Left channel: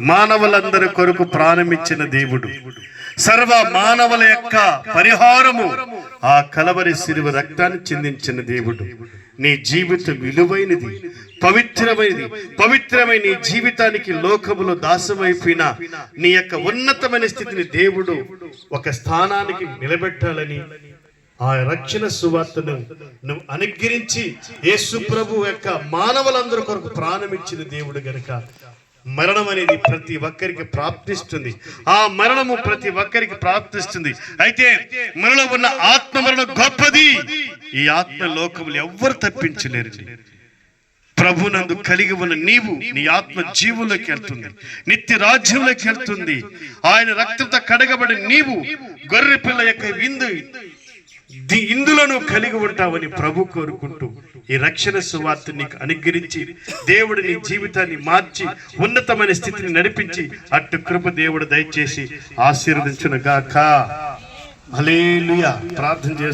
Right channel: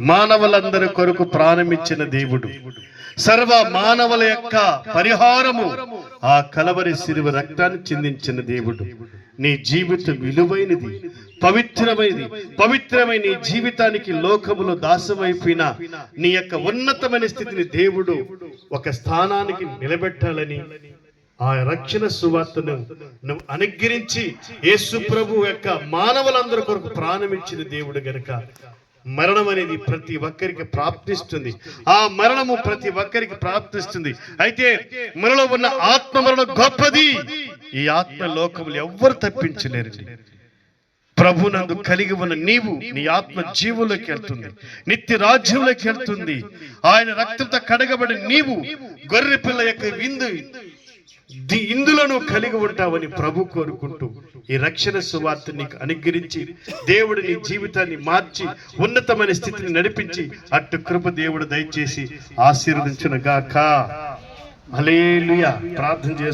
మానవులందరి కొరకు ప్రాణమిచ్చిన దేవుడు, సర్వ మానవుల యొక్క పరిహారము ఆ కలవరి శిలువ రక్తాన్ని చిందించిన దేవుడు. నీ జీవితం విలువైనది, పవిత్రమైన నీ జీవితానికి లోకములో దాసమైపోయిన నీ యొక్క ఉన్నతమైన స్థితిని దేవుడు ఒక స్థానానికి నిలబెట్టాలని ఆ రక్షణ సువార్తను నువ్వు అనుగ్రహించి యేసు ప్రభు యొక్క మానవులందరి కొరకు ప్రాణమిచ్చిన దేవుడు గనుక మరణం అనేది ప్రతి ఒక్కరికి ప్రాప్తిస్తుంది. ఆ మరణము ప్రతి ఒక్కరికి ప్రాప్తిస్తుంది. అయితే మనలో ఉన్న ఆత్మ మరణం గొప్పది. ఈ ఆత్మ లోకములు ఎవ్వరు తప్పించలేరు. ప్రభునందు కలిగి ఉన్న నీవు, నీ ఆత్మ జీవులోకి వెళ్తుంది, నిత్య రాజ్యంలోకి వెళ్తుంది. ఆయన రక్తంతో కడగబడి నీవు గొర్రె పిల్ల యొక్క ఇందులను కలిగి ఉంటావని ప్రభు కోరుకుంటూ ఈ రక్షణ సువార్త నీకు అనుగ్రహించి దేవుడు నీ జీవితాన్ని మార్చి ఉన్నతమైన స్థితిని నడిపించి అటు కృప దేవుడు దయచేసి ఆశీర్వదించును గాక. హల్లెలూయా. ప్రార్థన చేస్తాను.